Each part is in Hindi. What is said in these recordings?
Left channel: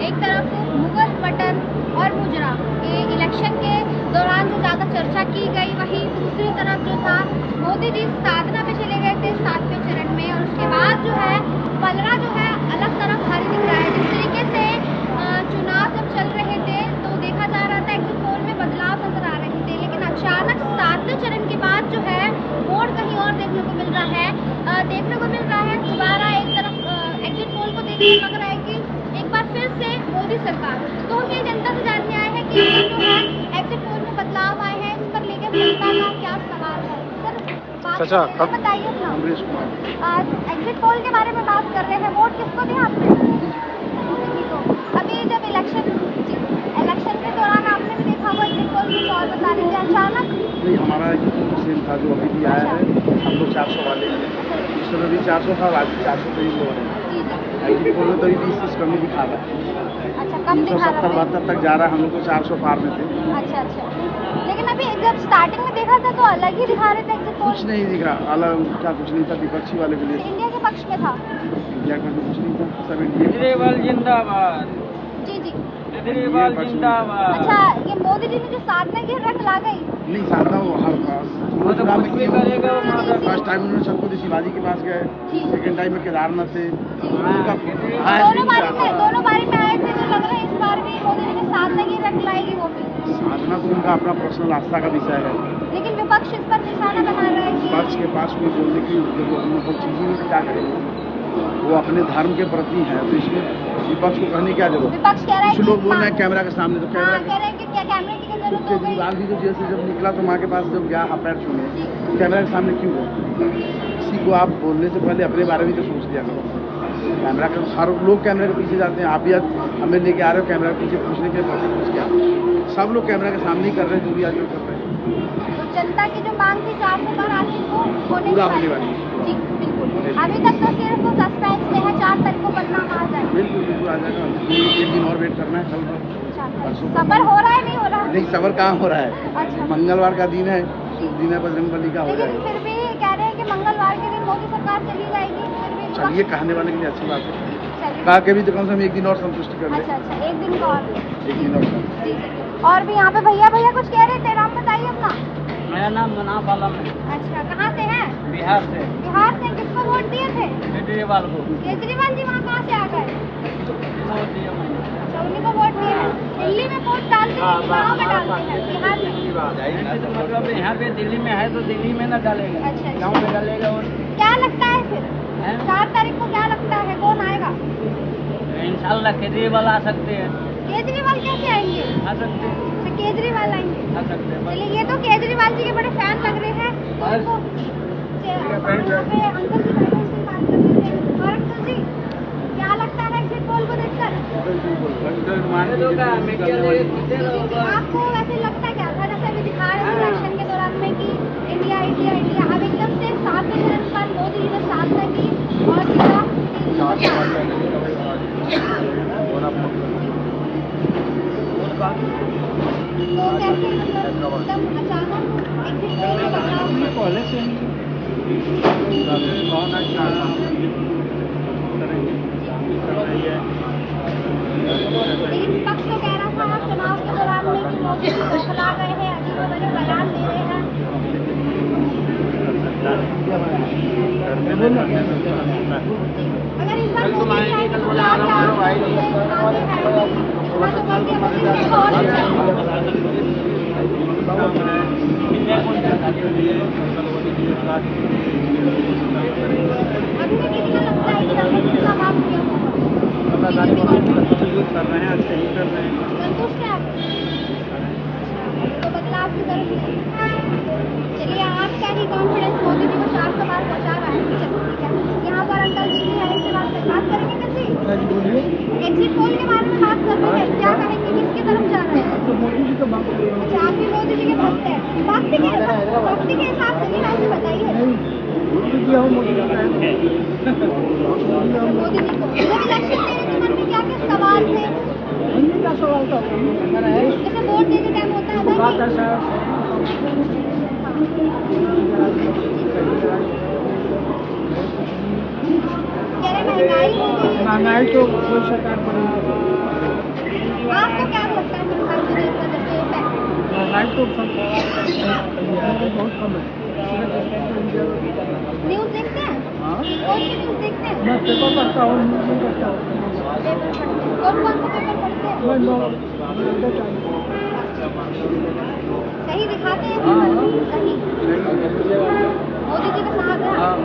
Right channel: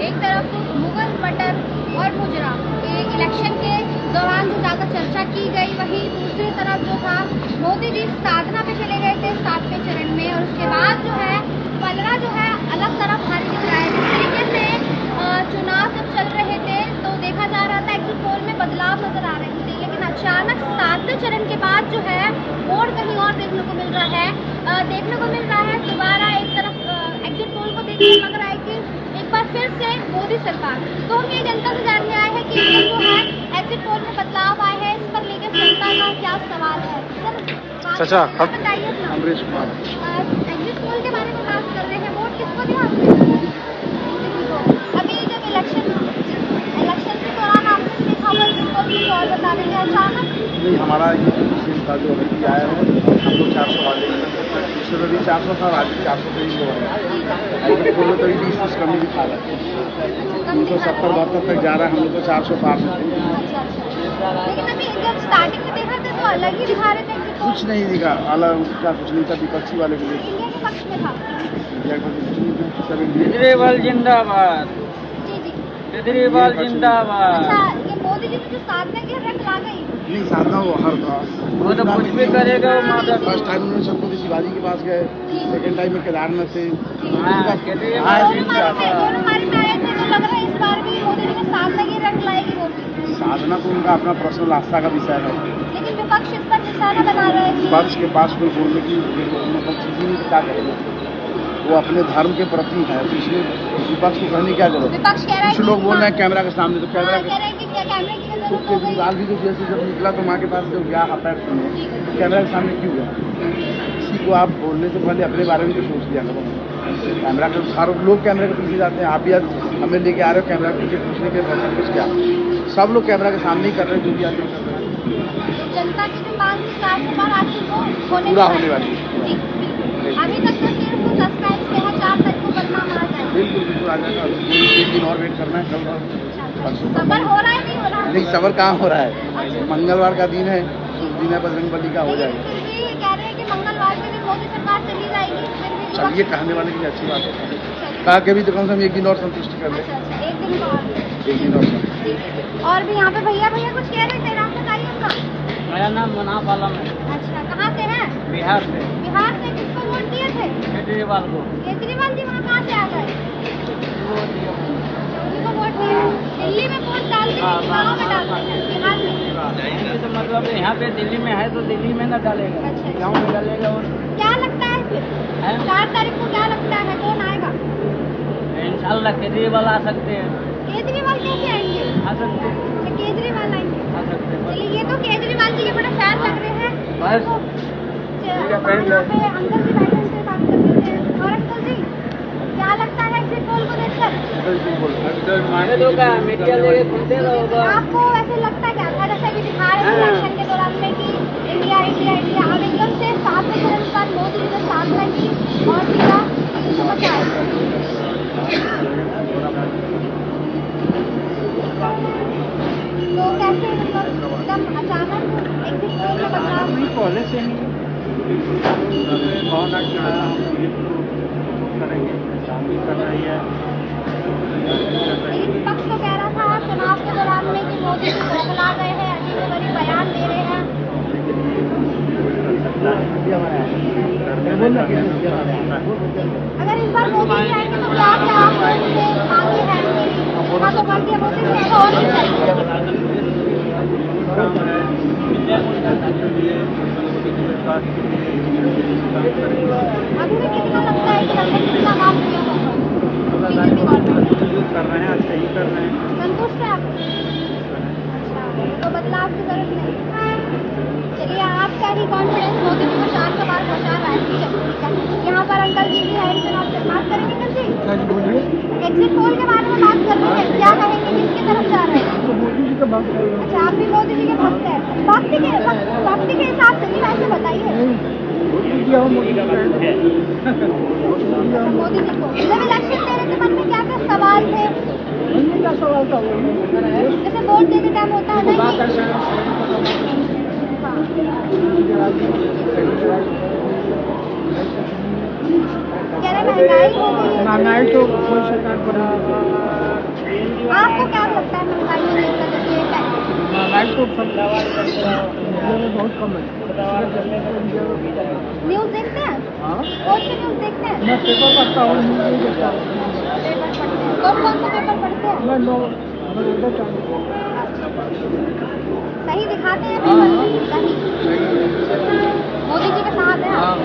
एक तरफ मुगल मटर और मुजरा के इलेक्शन के दौरान जो ज़्यादा चर्चा की गई, वहीं दूसरी तरफ जो था मोदी जी साधना पे चले गए थे 7वें चरण में, और उसके बाद जो है पलड़ा जो है अलग तरफ भारी दिख रहा है। जिस तरीके से चुनाव जब चल रहे थे तो देखा जा रहा था एग्जिट पोल में बदलाव नजर आ रहे थे, लेकिन अचानक 7वें चरण के बाद जो है मोड़ कहीं और देखने को मिल रहा है। दोबारा एक तरफ एग्जिट पोल को देखकर लग रहा है कि एक बार फिर से मोदी सरकार। तो हम ये जनता से जानने आए हैं कि ये जो है एग्जिट पोल में बदलाव आए हैं, इस पर लेकर जनता का क्या सवाल है। सर बताइए, अमरीश कुमार एग्जिट पोल के बारे में बात कर रहे हैं, वोट किसको दिया आपने? अभी जब इलेक्शन के दौरान आपने भी देखा होगा एग्जिट पोल कुछ और बता रहे हैं, अचानक नहीं, हमारा ये तो सेम था जो अभी भी आया है। हम लोग 400 वाले हैं, उसमें भी 400 था, आज भी 400 पे ही लोग हैं। एग्जिट पोल में तो 20-30 कमी दिखा रहा है, 370-72 तक जा रहा है। हम लोग तो 400 पार में थे। लेकिन अभी जब स्टार्टिंग में देखा था तो अलग ही दिखा रहे थे एग्जिट पोल। कुछ नहीं दिखा, अलग क्या कुछ नहीं था। विपक्षी वाले के लिए इंडिया के पक्ष में था, इंडिया के पक्ष में कुछ नहीं था, सब इंडिया जिंदाबाद। जी जी। जिंदाबाद। अच्छा, ये मोदी जी ने जो साधना की रट ला गई। नहीं साधना वो हर चुनाव में फर्स्ट टाइम उन्होंने छत्रपति शिवाजी के पास गए, सेकेंड टाइम में केदारनाथ थे। उनका दोनों बारी में आए थे, तो लग रहा है इस बार भी मोदी जी ने साधना की रट लाएगी वोट। साधना तो उनका अपना पर्सनल आस्था का विषय है, लेकिन विपक्ष इस पर निशाना बना रहा है कि विपक्ष के पास कोई बोलने की मतलब चीज ही नहीं, क्या करेंगे। वो अपने धर्म के प्रति है, तो इसलिए विपक्ष को कहने की क्या जरूरत है। विपक्ष कह रहा है कुछ लोग बोल रहे हैं कैमरा के सामने, तो कैमरा कह रहे हैं कि क्या कैमरे की जरूरत हो गई। केजरीवाल भी तो जेल से जब निकला तो माँ के पास जब गया हाथ पैर छूने, तो कैमरा के सामने क्यों गए? किसी को आप बोलने से पहले अपने बारे में तो सोच लिया करो। कैमरा के हर लोग कैमरे के पीछे जाते हैं, आप भी आज हमें लेके आ रहे हो कैमरा के पीछे पूछने के लिए कुछ क्या। सब लोग कैमरा के सामने ही कर रहे हैं जो भी आज कर रहे हैं। तो जनता की जो मांग थी 400 पार आखिर वो पूरा होने वाली है। जी बिल्कुल। अभी तक तो सिर्फ सस्पेंस में है, 4 तारीख को परिणाम आ जाएगा। बिल्कुल आ जाएगा। एक दिन और वेट करना है, कल परसों सबर हो रहा है, नहीं हो रहा है? नहीं, सबर कहाँ हो रहा है। मंगलवार का दिन है, शुभ दिन है, बजरंगबली का हो जाएगा। फिर भी कह रहे हैं कि मंगलवार के दिन मोदी सरकार चली जाएगी। चलिए, कहने वाले के लिए अच्छी बात है, कहा के भी तो कम से कम एक दिन और संतुष्टि कर ले। अच्छा, एक दिन और और भी यहाँ पे भैया कुछ कह रहे थे, नाम बताइए अपना। मेरा नाम मुनाफ आलम है। अच्छा, कहाँ से हैं? बिहार से। बिहार से। किसको वोट दिए थे? केजरीवाल को। केजरीवाल जी वहाँ कहाँ से आ गए? वोट दिया मैंने। उन्हीं को वोट दिए हैं। दिल्ली में वोट डालते हैं कि गाँव में डालते हैं? बिहार में। यहाँ पे तो मतलब यहाँ पे दिल्ली में है तो दिल्ली में न डालेगा, अच्छा। गाँव में डालेगा। और क्या लगता है फिर 4 तारीख को क्या लगता है कौन आएगा? इंशाल्लाह केजरीवाल आ सकते हैं। केजरीवाल कैसे आएंगे? आ सकते हैं। अच्छा, केजरीवाल आएंगे। आ सकते हैं। चलिए, ये तो केजरीवाल जी के बड़े फैन लग रहे हैं। बस। यहाँ पे अंकल जी बैठे से बात कर रहे हैं। और अंकल जी, क्या लगता है एग्जिट पोल को देखकर? आपको वैसे लगता क्या था, जैसे अभी दिखा रहे थे इलेक्शन के दौरान में कि इंडिया इंडिया इंडिया, अब एकदम से 7वें चरण के बाद मोदी जी ने साधना की और दिया समझ आए। तो कैसे मतलब एकदम अचानक एग्जिट पोल में बदलाव? पहले से नहीं भावना की करेंगे, काम भी कर रही है। लेकिन विपक्ष तो कह रहा था चुनाव के दौरान में कि मोदी जी बौखला गए हैं, अजीबोगरीब बयान दे रहे हैं। कोई कर सकता है, करने में फर्क होता है। अगर इस बार मोदी जी आएंगे तो क्या क्या आप उनसे मांगे हैं? इतना तो कर दिया मोदी जी ने, और भी चाहिए। काम है के लिए, स्वास्थ्य के लिए काम करेंगे। अभी भी कितना लगता है कि लगभग कितना काम किया होगा बीजेपी गवर्नमेंट? जो कर रहे हैं अच्छे ही कर रहे हैं। संतुष्ट है आप? अच्छा, तो बदलाव की जरूरत नहीं। चलिए, आप क्या ही कॉन्फिडेंस मोदी जी को 400 बार पहुँचा रहा है। यहाँ पर अंकल जी भी है, इनसे बात करेंगे। अंकल जी, बोलिए। एग्जिट पोल के बारे में बात कर रहे हैं, क्या कहेंगे, किसकी तरफ जा रहे हैं? तो मोदी जी का बात कर रहे हैं। अच्छा, आप भी मोदी जी के भक्त हैं। भक्ति के हिसाब से नहीं, वैसे बताइए। मोदी जी हो, मोदी जी का मोदी जी को जब इलेक्शन दे रहे थे, मन में क्या क्या सवाल थे? क्या सवाल था? जैसे वोट देते टाइम होता है ना कि- ऐसा हाँ। कह रहे महंगाई हो गई है। महंगाई तो कोई सरकार पर नहीं। आपको क्या लगता है महंगाई में देखकर जब ये है? महंगाई तो सब इंडिया में बहुत कम है। न्यूज़ देखते हैं? हाँ, कौन सी न्यूज़ देखते हैं? मैं पेपर पढ़ता हूँ, न्यूज़ नहीं देखता हूँ। पेपर पढ़ते हैं। कौन कौन से पेपर पढ़ते हैं? मैं नवोदय टाइम्स। सही दिखाते हैं? हाँ, सही। मोदी जी का साथ है? हाँ,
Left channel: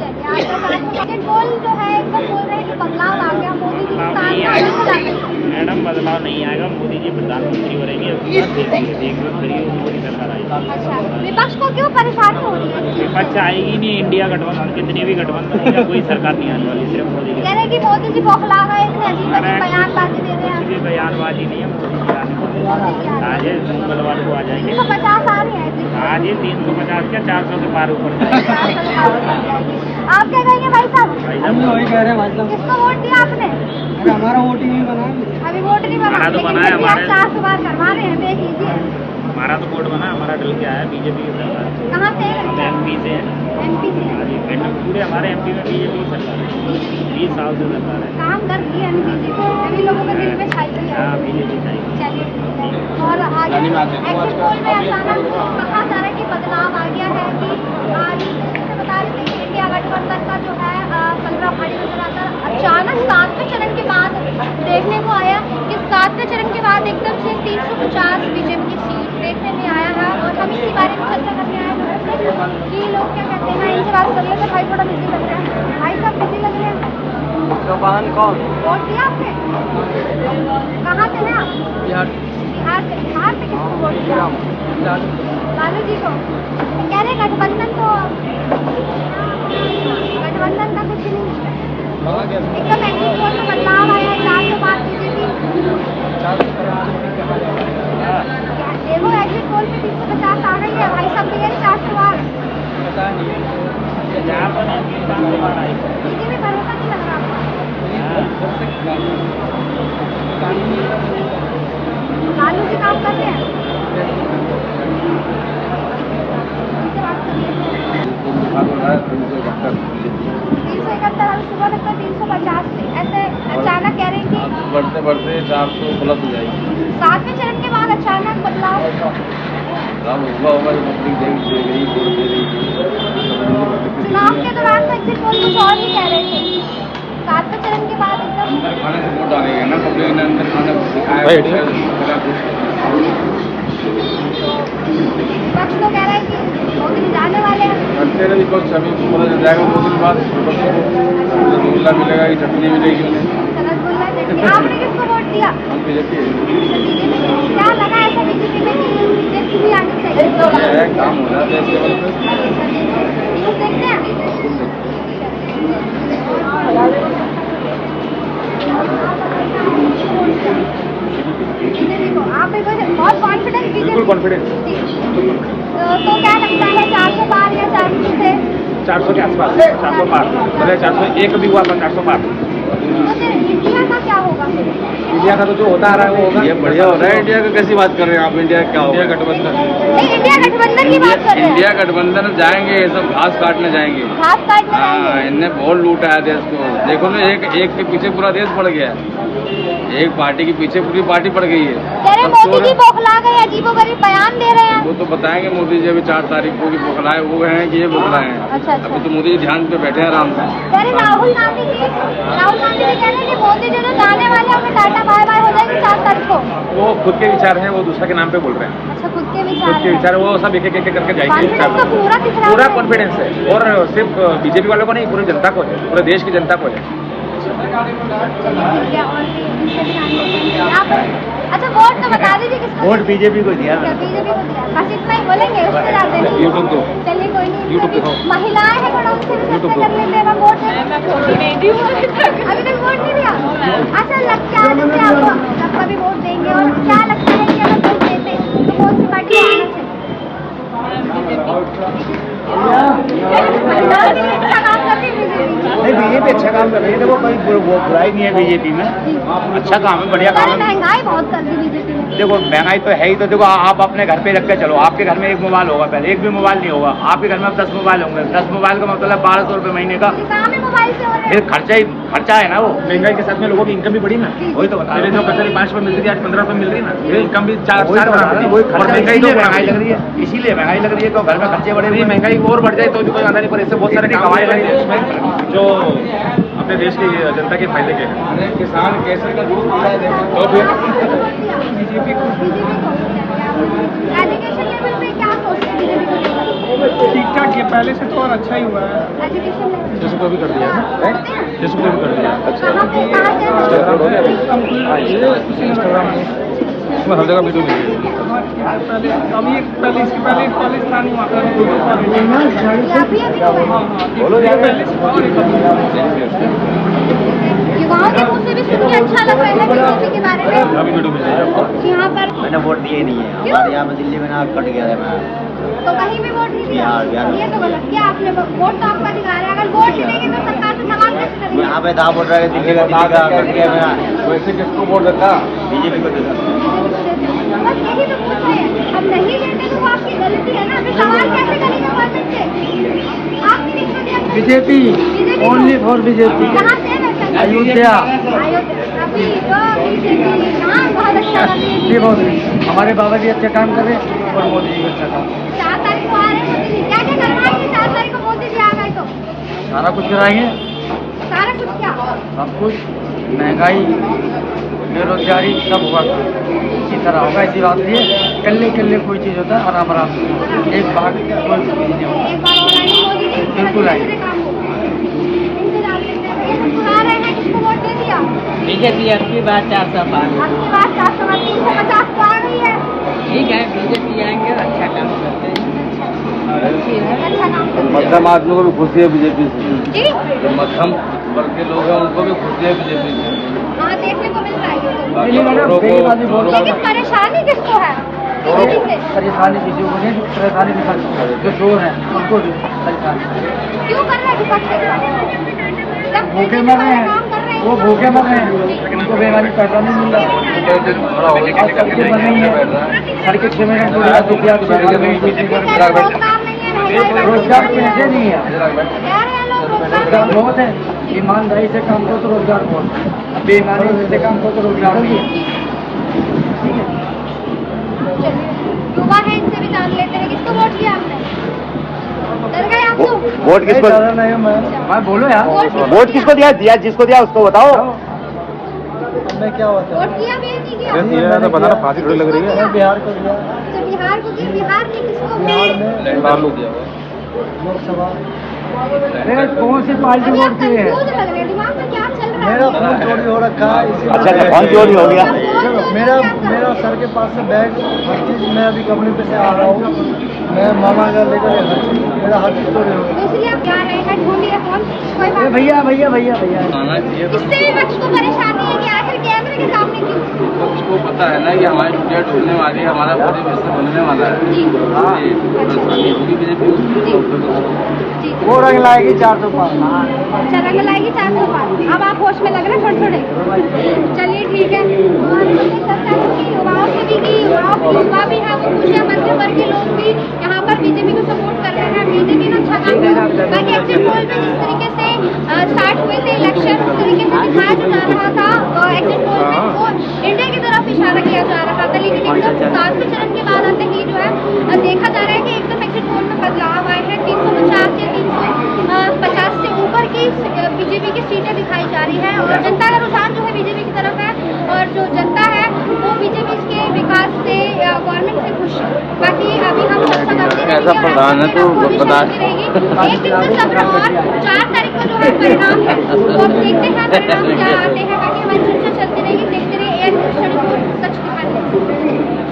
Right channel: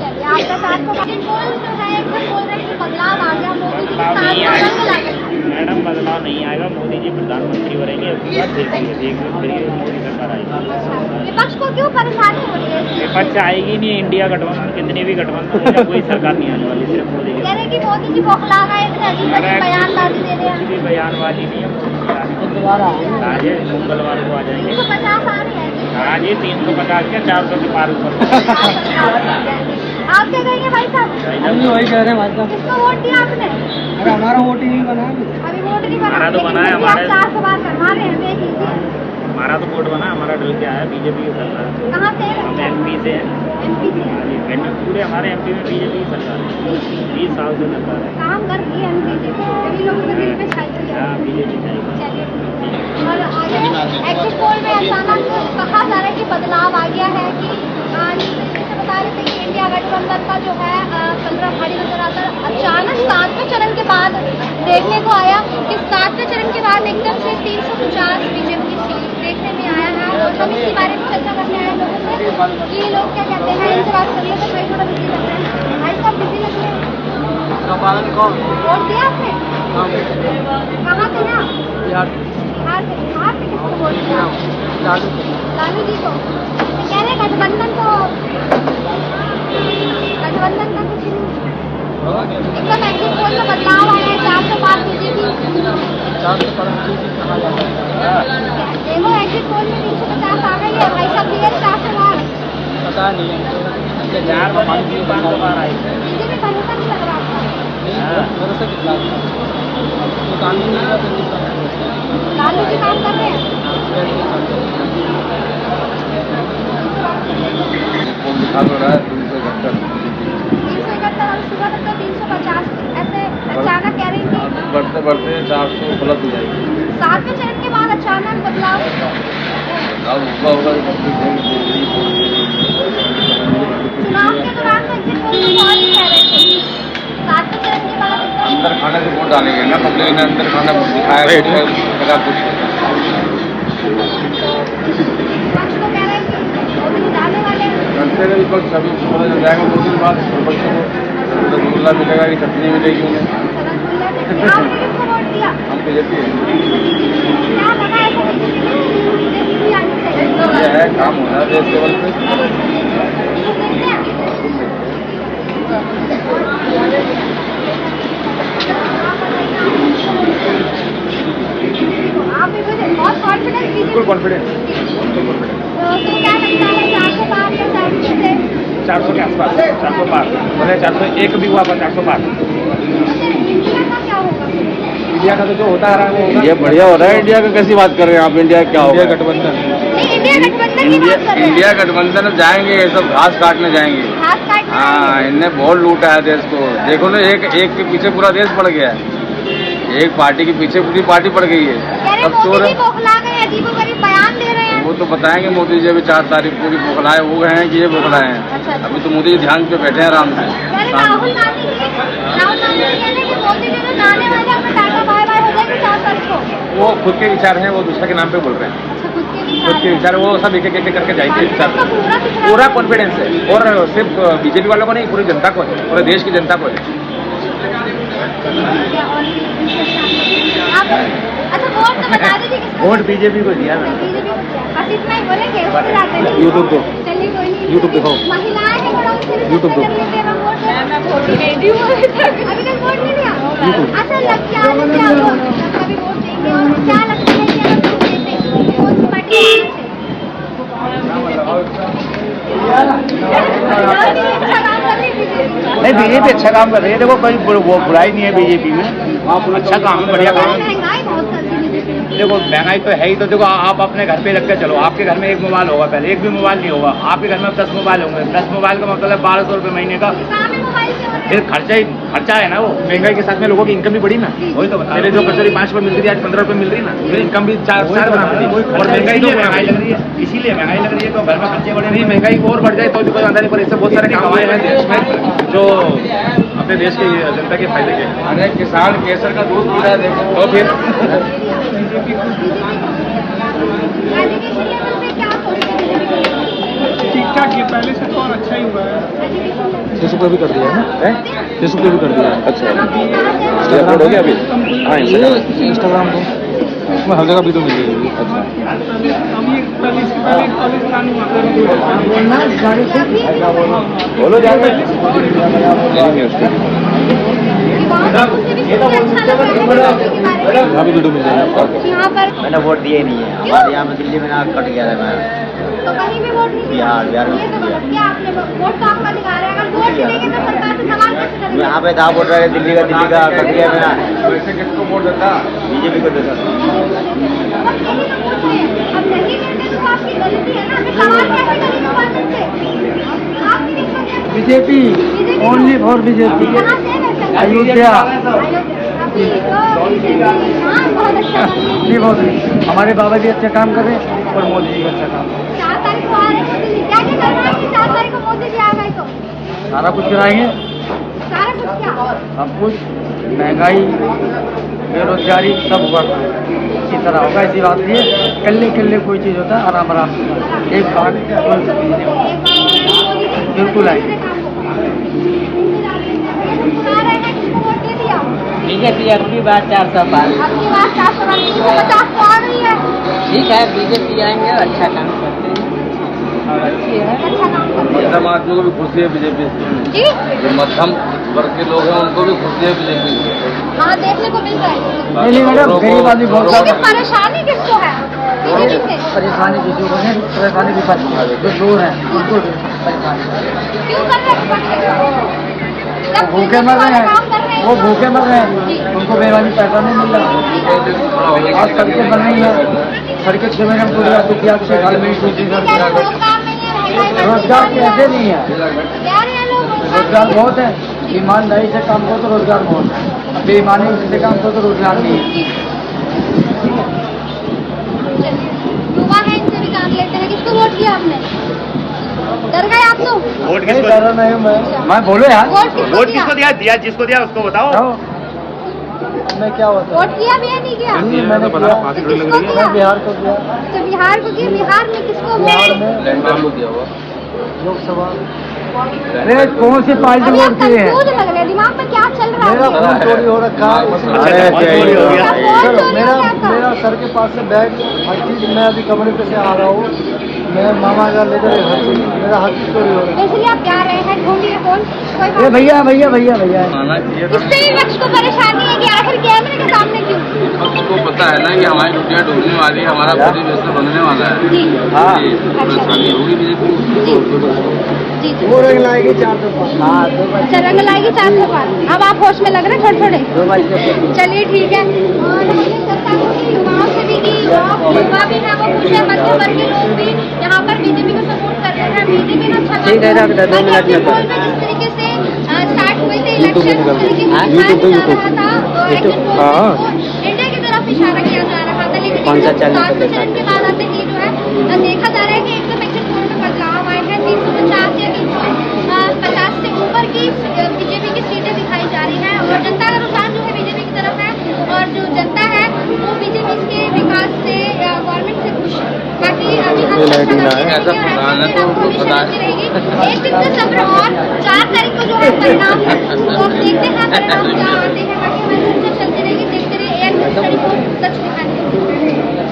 चलिए आपका साथ तो एग्जिट पोल जो है एकदम बोल रहे हैं कि बदलाव आ गया, मोदी जी के साथ में अलग लग गई। मैडम बदलाव नहीं आएगा। मोदी जी प्रधानमंत्री बनेंगे, उसके बाद देखेंगे फिर मोदी सरकार आएगी। अच्छा, विपक्ष को क्यों परेशानी हो रही है? विपक्ष आएगी नहीं। इंडिया गठबंधन कितनी भी गठबंधन हो जाए, कोई सरकार नहीं आने वाली, सिर्फ मोदी कह के। रहे हैं कि मोदी जी बौखला गए, इतने अजीब अजीब बयानबाजी दे रहे कुछ हैं। भी बयानबाजी नहीं है मोदी जी आने वाली। आज ये मंगलवार को आ जाएंगे। 350 आ रहे हैं जी। आज ये 350 क्या 400 के पार ऊपर जाएंगे। 400 के पार लग जाएंगे। आप क्या कहेंगे भाई साहब? हम भी वही कह रहे हैं भाई साहब। किसको वोट दिया आपने? अरे हमारा वोट ही नहीं बना है। अभी वोट नहीं बना, हमारा तो लेकिन बना है, फिर भी आप हमारे- 400 बार करवा रहे हैं, देख लीजिए। हमारा तो वोट बना, हमारा डल के आया बीजेपी की सरकार। कहाँ से है? हम MP से हैं। MP से। हाँ जी, पूरे हमारे MP में बीजेपी की सरकार है। 20 साल से सरकार है। काम कर रही है बीजेपी, सभी लोगों को दिल पे छाई हुई है। हाँ, बीजेपी चाहिए। चलिए ठीक है। और आगे एग्जिट पोल में अचानक कहा जा रहा है कि बदलाव आ गया है कि जैसे बता रहे थे कि इंडिया गठबंधन का जो है पलड़ा भारी नजर आता है। अचानक 7वें चरण के बाद देखने को आया कि 7वें चरण के बाद एकदम से 350 बीजेपी की सीट देखने में आया है। और हम इसी बारे में चर्चा करने आए हैं लोगों से कि लोग क्या कहते हैं। इनसे बात कर लेते हैं। भाई थोड़ा बिजी लग रहे हैं। भाई साहब बिजी लग रहे हैं। वोट दिया आपने? कहाँ से हैं आप? बिहार बिहार से। बिहार से किसको वोट दिया? लालू लालू जी को। तो कह रहे गठबंधन का कुछ नहीं, एकदम एग्जिट पोल में बदलाव आया है। 400 पार बीजेपी। 400 पर बीजेपी कहा जाता है। देखो एग्जिट पोल में 350 आ गई है। भाई साहब दिए 400 पार। पता नहीं हमारी बीजेपी भरोसा नहीं लग रहा आपका? भरोसा कितना कानून लालू जी काम कर रहे हैं। वो लिखा तो रहा है 371 371 और सुबह तक तो 350 थे। ऐसे अचानक कह रही थी बढ़ते बढ़ते 400 प्लस हो जाएगी। 7वें चरण के बाद अचानक बदलाव। बदलाव होगा जो पब्लिक दे रही वोट दे रही है। चुनाव के दौरान तो एग्जिट पोल कुछ और ही कह रहे थे। 7वें चरण के बाद एकदम अंदर खाने से वोट डालेंगे ना, पब्लिक ने अंदर खाना दिखाया जगह कुछ विपक्ष तो कह रहे हैं कि मोदी जी जाने वाले हैं। करते रहे विपक्ष। अभी पता चल जाएगा 2 दिन बाद विपक्ष को रसगुल्ला मिलेगा कि चटनी मिलेगी उन्हें। रसगुल्ला चटनी। आपने किसको वोट दिया? हम बीजेपी है। क्या लगा ऐसा बीजेपी में? बीजेपी भी आनी चाहिए। ये है काम हो रहा है देश लेवल पे। न्यूज़ देखते हैं? आप बहुत कॉन्फिडेंस बिल्कुल कॉन्फिडेंस। तो क्या लगता है 400 पार या 400 से? 400 के आसपास, 400 पार। भले 401 भी हुआ पर 400 पार। अच्छा, इंडिया का क्या होगा? इंडिया का तो जो होता आ रहा है वो होगा। ये बढ़िया हो रहा है। इंडिया की कैसी बात कर रहे हैं आप? इंडिया क्या होगा? गठबंधन नहीं, इंडिया गठबंधन की बात कर रहे हैं। इंडिया गठबंधन जाएंगे, ये सब घास काटने जाएंगे। घास काटना। हाँ, इनने बहुत लूटा है देश को। देखो ना, एक के पीछे पूरा देश पड़ गया है। एक पार्टी के पीछे पूरी पार्टी पड़ गई है। कह रहे सब चोर मोदी है। जी बौखला गए, अजीबोगरीब बयान दे रहे हैं। वो तो बताएंगे मोदी जी अभी 4 तारीख को कि बौखलाए वो हैं कि ये बौखलाए हैं। अच्छा। अभी तो मोदी जी ध्यान पे बैठे हैं आराम से। कह रहे राहुल गांधी जी कह रहे हैं कि मोदी जी जो जाने वाले हैं अपने टाटा बाय बाय हो जाएगी 4 तारीख को। वो खुद के विचार हैं, वो दूसरे के नाम पे बोल रहे हैं। अच्छा, खुद के खुद के विचार वो सब एक एक करके जाएंगे। पूरा पूरा कॉन्फिडेंस है। और सिर्फ बीजेपी वालों को नहीं, पूरी जनता को है, पूरे देश की जनता को है। अच्छा, वोट तो बता दीजिए किसको? वोट बीजेपी को दिया मैंने। बीजेपी को दिया। बस इतना ही बोलेंगे, उससे ज्यादा नहीं। यूट्यूब तो चलिए कोई नहीं। यूट्यूब पे हो। महिलाएं हैं थोड़ा, उनसे भी यूट्यूब चर्चा पे। कर लेते हैं। मैं वोट ही नहीं दी हूँ अभी तक वोट नहीं दिया। अच्छा, लगता है जैसे आप कभी वोट देंगे और क्या लगता है कि अगर वोट देते तो कौन सी पार्टी को आना चाहिए? अच्छा काम कर रही है बीजेपी। नहीं बीजेपी अच्छा काम कर रही है, देखो कोई वो बुराई नहीं है बीजेपी में, अच्छा काम है, बढ़िया काम है। महंगाई बहुत कर दी बीजेपी ने। देखो महंगाई तो है ही, तो देखो आप अपने घर पे रख के चलो, आपके घर में एक मोबाइल होगा, पहले एक भी मोबाइल नहीं होगा, आपके घर में 10 मोबाइल होंगे, 10 मोबाइल का मतलब 1200 रुपये महीने का, काम ही मोबाइल से हो रहे फिर खर्चा है ना वो। महंगाई के साथ में लोगों की इनकम भी बढ़ी ना, वही तो बता पहले जो कचौरी 5 रुपए मिलती थी आज 15 रुपए मिल रही ना, ये इनकम भी 4 गुना मिली और महंगाई तो तो महंगाई लग रही है, इसीलिए महंगाई लग रही है, तो घर में खर्चे बढ़े नहीं, महंगाई और बढ़ जाए तो भी कोई आंदा नहीं, पर इससे बहुत सारे काम आए हैं देश में जो अपने देश के जनता के फायदे के हैं। अरे किसान केसर का दूध पी रहा है, देखो। तो फिर बीजेपी को एजुकेशन लेवल पे क्या सोचते हैं बीजेपी को लेकर? ठीक ठाक है, पहले से तो और अच्छा ही हुआ है। एजुकेशन लेवल फेसबुक को भी कर दिया है ना, फेसबुक को भी कर दिया है। इंस्टाग्राम हो गया अभी, इंस्टाग्राम को उसमें हर जगह वीडियो मिल रही है। हाँ ठीक है, पहले अभी इसके पहले एक कॉलेज था नहीं वहाँ पे, अभी 2 कॉलेज है। अभी हाँ हाँ, एक पहले से था और एक अभी। युवाओं के मुझे भी सुन के अच्छा लग रहा है बीजेपी के बारे में। यहाँ भी वीडियो मिल जाएगी आपको। यहाँ पर मैंने वोट दिए ही नहीं है, हमारे यहाँ में दिल्ली में ना कट गया था मैं। तो कहीं भी वोट नहीं दिया। बिहार ये तो गलत किया आपने, वोट तो आपका अधिकार है, अगर वोट नहीं देंगे तो सरकार से सवाल कैसे करेंगे? यहाँ पे था वोट रहा है, दिल्ली का कट गया मेरा, वैसे किसको वोट देता? बीजेपी को देता था। बस यही तो पूछ रहे हैं, अब नहीं देते तो वो आपकी गलती है ना, फिर सवाल कैसे करेंगे गवर्नमेंट से? आप किसको दिया? BJP, only for BJP. कहाँ से है वैसे? अयोध्या। अभी तो बीजेपी, हाँ बहुत अच्छा कर रही है। ये बहुत हमारे बाबा जी अच्छा काम कर रहे हैं और मोदी जी अच्छा काम। 4 तारीख को आ रहे हैं मोदी जी, क्या क्या करवाएंगे 4 तारीख को मोदी जी आ गए तो? सारा कुछ कराएंगे, सारा कुछ क्या? सब कुछ, महंगाई, बेरोजगारी सब होगा, इसी तरह होगा। ऐसी बात नहीं है, कल्ले कोई चीज़ होता है आराम आराम से, एक बार कोई चीज़ नहीं होता। एक बार और आएंगे मोदी जी, बिल्कुल आएंगे। दूसरे काम होगा। इंतजार करते हैं, भैया तुम सुना रहे हैं, किसको वोट दे दिया? बीजेपी आपकी बात 405। आपकी बात 450 तो आ गई है। ठीक है, बीजेपी आएंगे, अच्छा काम करते हैं और अच्छी है। अच्छा काम करते हैं। मध्यम आदमी को भी खुशी है बीजेपी से, जी जो मध्यम वर्ग के लोग हैं उनको भी खुशी है बीजेपी से। हाँ, देखने को मिल रहा है। बाकी चोरों को लेकिन परेशानी किसको है बीजेपी से? परेशानी किसी को नहीं, परेशानी विपक्ष को है, जो चोर हैं उनको भी परेशानी। क्यों कर रहे हैं विपक्ष ऐसा? जब भूखे मर रहे काम कर रहे हैं, वो भूखे मर रहे हैं, उनको बेईमानी पैसा नहीं मिल रहा। आज सड़कें बन रही हैं, सड़कें 6 महीने में टूट जाती थी, आज 6 साल में ही टूटी कह रहे हैं रोजगार नहीं है, महंगाई बढ़ती रोजगार जा रही है। कैसे नहीं है? कह रहे हैं लोग रोजगार नहीं बहुत है, ईमानदारी से काम करो तो रोजगार बहुत है, अब बेईमानी से काम करो तो रोजगार नहीं है। है। चलिए, युवा है, इनसे भी जान लेते हैं, किसको वोट किया आपने? डर गए आप तो? वोट नहीं डरा नहीं मैं बोलो यार, वोट किसको दिया जिसको दिया उसको बताओ। अब मैं क्या बताऊं? वोट किया भी है, नहीं किया? नहीं, मैंने पता किया। फांसी थोड़ी लग रही है। मैं बिहार को दिया, तो बिहार को दिया, बिहार में किसको बिहार वोट? में लैंडमार्क को दिया हुआ। लोकसभा। अरे कौन सी पार्टी अभी आप वोट की है? कंफ्यूज लग रहे हैं, दिमाग में क्या चल रहा मेरा है? फोन चोरी हो रखा है, इसी अच्छा, वजह फोन से। चोरी हो गया। फोन चोरी मेरा हो गया था। मेरा सर के पास से बैग, हर चीज, मैं अभी कंपनी पे से आ रहा हूँ, मैं मामा का लेकर हर चीज, मेरा हर चीज चोरी हो रहा तो इसलिए आप जा रहे हैं, ढूंढिए फोन, कोई है। बात नहीं। भैया भैया भैया भैया आना चाहिए था। इससे भी विपक्ष को परेशानी है कि आखिर कैमरे के सामने क्यों? विपक्ष को पता है ना कि हमारी दुनिया डूबने वाली है, हमारा पूरी बिजनेस बनने वाला है। जी जी, तो परेशानी होगी बीजेपी को। जी जी। वो रंग लाएगी 405। अच्छा, रंग लाएगी 405। अब आप होश में लग रहे हैं थोड़े थोड़े। चलिए ठीक है, और हमने चर्चा की युवाओं से भी की, युवा भी है, वो खुश है, मध्य वर्ग के लोग भी यहाँ पर बीजेपी को सपोर्ट कर रहे हैं। बीजेपी ने अच्छा काम किया। बाकी एग्जिट पोल में जिस तरीके से स्टार्ट हुए थे इलेक्शन, उस तरीके से दिखाया जा रहा था, तो एग्जिट पोल में वो इंडिया की तरफ इशारा किया जा रहा था, लेकिन एकदम 7वें चरण के बाद आते ही जो है देखा जा रहा है कि एकदम एग्जिट पोल में बदलाव आए हैं। 350 या 350 से ऊपर की बीजेपी की सीटें दिखाई जा रही हैं, और जनता का रुझान जो है बीजेपी की तरफ है, और जो जनता है वो बीजेपी के विकास से, गवर्नमेंट से खुश है। बाकी अभी हम चर्चा करते रहेंगे और आपकी अपडेट आपको हमेशा मिलती रहेगी। एक दिन का सब्र, और 4 तारीख को जो है परिणाम है, तो अब देखते हैं परिणाम क्या आते हैं। बाकी हमारी चर्चा चलती रहेगी, देखते रहिए एआईएन न्यूज़ 24 सच दिखाने।